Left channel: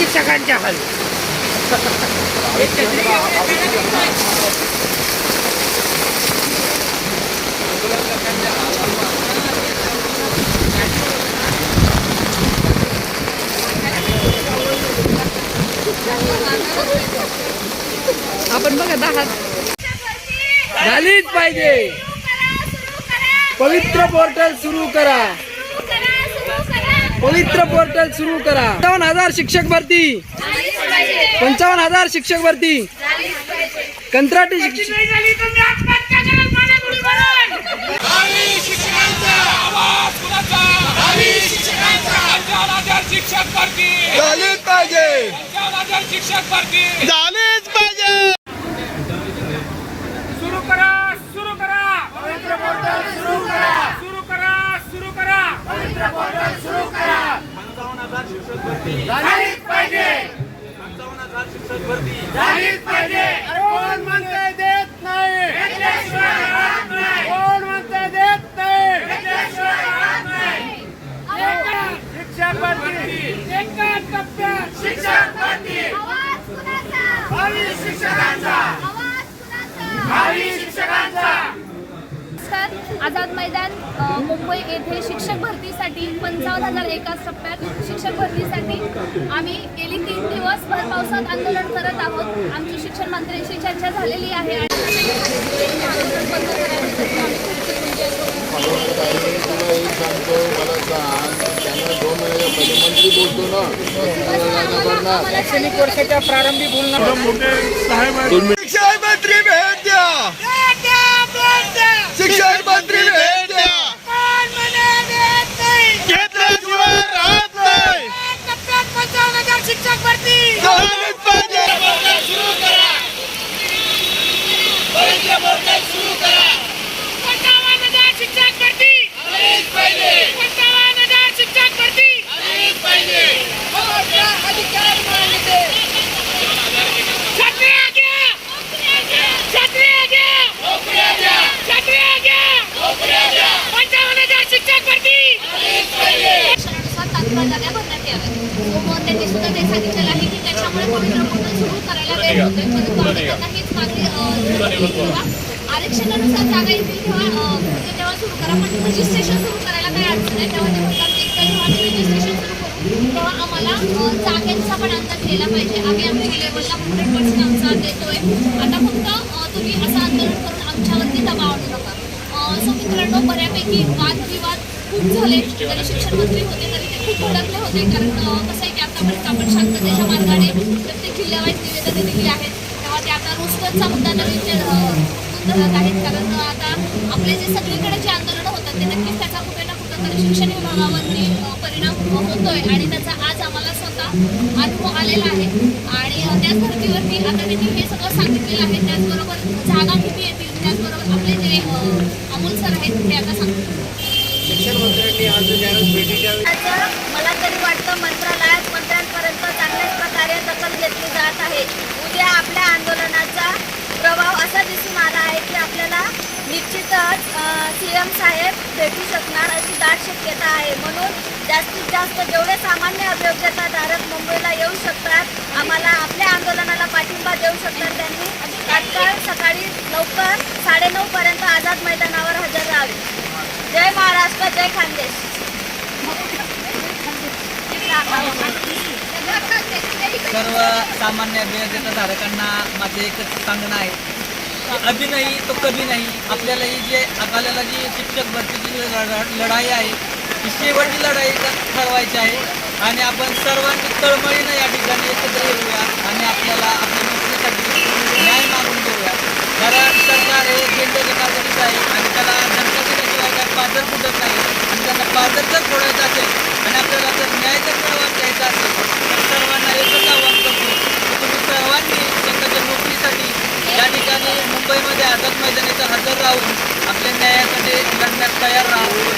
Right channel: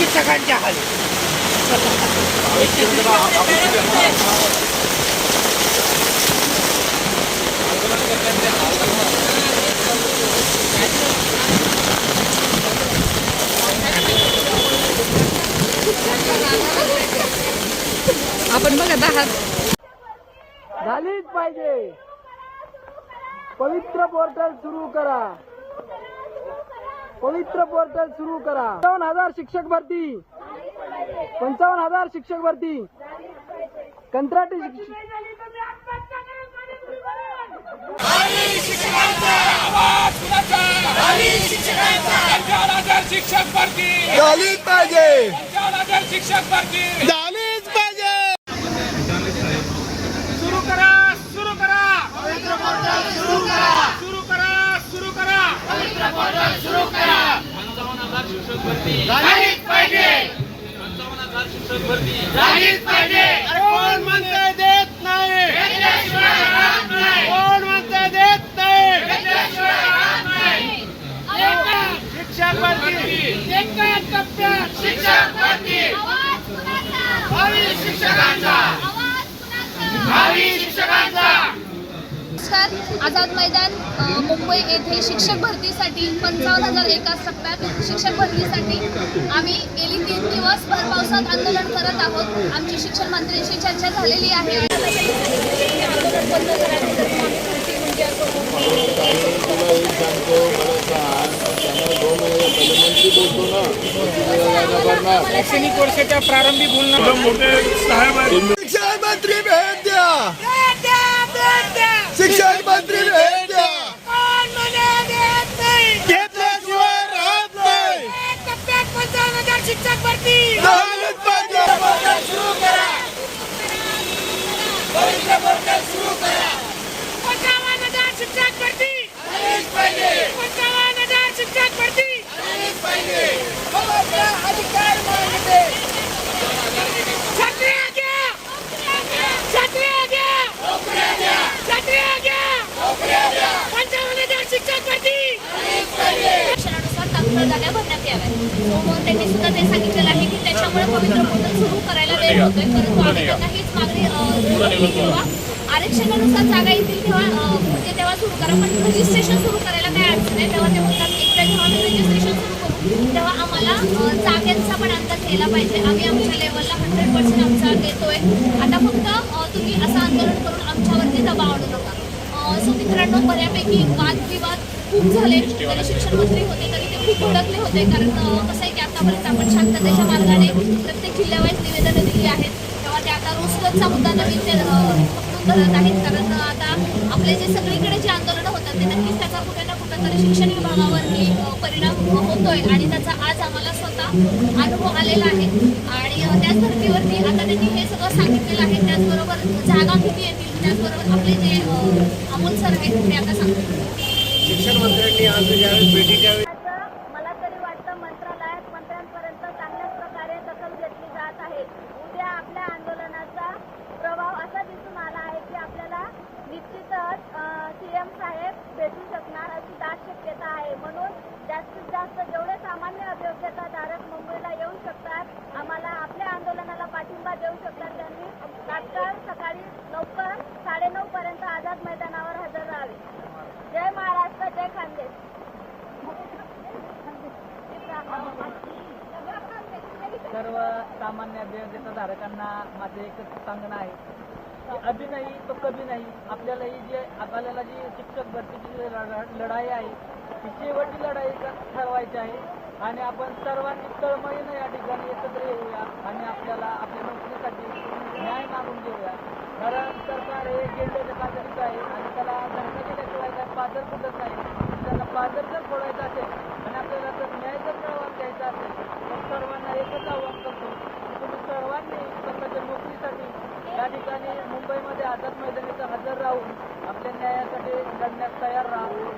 हाल. आपण बघत आहात झालीच पाहिजे. पवित्र पोर्टल सुरू करा. पवित्र पोर्टल सुरू करा. पंचावन्न हजार शिक्षक भरती. पंचावन्न हजार शिक्षक भरती. कंत्राटी शिक्षक शिक्षक भरती. झालीच पाहिजे शिक्षक भरती झालीच पाहिजे सुरू करा सुरू करा सुरू करा सुरू करा सुरू करा सुरू करा पंचावन्न हजार शिक्षक भरती. झालीच पाहिजे. पंचावन्न हजार शिक्षक भरती. झालीच पाहिजे. कोण म्हणते देत नाही घेतल्याशिवाय राहत नाही. कोण म्हणते देत नाही घेतल्याशिवाय राहत नाही. शिक्षक भरती एका टप्प्यात शिक्षक भरती भावी शिक्षकांचा भावी शिक्षकांचा नमस्कार. आझाद मैदान मुंबई येथे शिक्षक भरतीसाठी पंचावन्न हजार एकाच टप्प्यात शिक्षक भरतीसाठी आम्ही गेली तीन दिवस भर पावसात आंदोलन करत आहोत. आमची शिक्षण मंत्र्यांशी चर्चा झालेली आहे. आंदोलन बंद शैक्षणिक वर्षाच्या प्रारंभी बोलणार शिक्षण मंत्री भेट द्या. घेतल्याशिवाय राहत नाही. शिक्षक भरती. झालीच पाहिजे हजार शिक्षक भरती पंचावन्न हजार शिक्षक भरती छत्री आगे छत्री आगे छत्री जागा भरण्यात याव्यात मग त्यांनी सुद्धा ते सांगितलेलं आहे की त्याच्यामुळे पवित्र सुरू करायला वेळ होतोय. परंतु आम्ही त्यांना हीच मागणी तेव्हा आरक्षणानुसार जागा येतील तेव्हा म्हणजे तेव्हा सुरू करा. पण रजिस्ट्रेशन सुरू करायला काही अडचण नाही तेव्हा ते म्हणतात एकदा जेव्हा आम्ही रजिस्ट्रेशन सुरू करू तेव्हा आम्हाला जागेचा पण अंदाज घ्यायला पाहिजे. आम्ही आमच्या लेवलला हंड्रेड पर्सेंट आमचा देतोय. आता फक्त तुम्ही असं आंदोलन करून आमच्यावरती दबाव आणू नका. मित्रांनो बऱ्यापैकी वादविवाद खूप झाले. जरी शिक्षण मंत्री होते तरी ते खूप भडकले होते. कारण कसं आहे की आतापर्यंत आपण शांततेच्या मार्गाने प्रत्येक जिल्ह्यावाईज निवेदनं दिली आहेत. तेव्हा ते आता रोजगारचा मुद्दा नवीन धरत आहेत. कारण आता आपले जे सगळीकडे जे आंदोलन ते नक्कीच त्याचा कुठे ना कुठे तरी शिक्षण विभागावरती परिणाम होतोय आणि त्याचा आज आम्हाला स्वतः अनुभव आलेला आहे. आणि त्याच धर्तीवरती आता त्यांनी हे सगळं सांगितलेलं आहे. त्याचबरोबर जागा किती येतील? त्याचबरोबर आपले जे अमोल सर आहेत ते आता सांगतील. शिक्षण मंत्र्यांनी आज ज्यावेळेस भेटीच्या त्याचं मला तरी वाटतं मंत्रालयात मंत्र्यांपर्यंत चांगल्याच प्रकारे दखल घेतली जात आहे. उद्या आपल्या आंदोलनाचा प्रभाव असा दिसून आला आहे की आपल्याला निश्चितच सी एम साहेब भेटू शकणार अशी दाट शक्यता आहे. म्हणून जास्तीत जास्त जेवढे सामान्य अभियोग्यताधारक मुंबईला येऊ शकतात आम्हाला आपल्या आंदोलनाला पाठिंबा देऊ शकतात त्यांनी तात्काळ सकाळी लवकर साडेनऊपर्यंत आझाद मैदानावर हजर राहावे. जय महाराष्ट्र जय खानदेश. सर्व सामान्य धारकांना माझं एकच सांगणं आहे अभि नाही तो कधी नाही. आपल्याला ही जे आपल्याला जी शिक्षक भरतीची लढाई आहे ही शेवटची लढाई ठरवायची आहे. आणि आपण सर्वांनी तळमळीनं या ठिकाणी एकत्र येऊया आणि आपल्याला आपल्या नोकरीसाठी न्याय मागून घेऊया. कारण सरकार हे गेंड्याच्या कागदीचं आहे आणि त्याला धमक्या दिल्याशिवाय काय पाजर फुटत नाही. त्यांना पाजर जर फोडायचं असेल आणि आपल्याला जर न्याय जर मिळवा घ्यायचा असेल तर सर्वांना एकच आव्हान करतो की तुम्ही सर्वांनी स्वतःच्या नोकरीसाठी या ठिकाणी मुंबईमध्ये आझाद मैदानाचं हजर राहून आपल्या न्यायासाठी लढण्यास तयार राहा.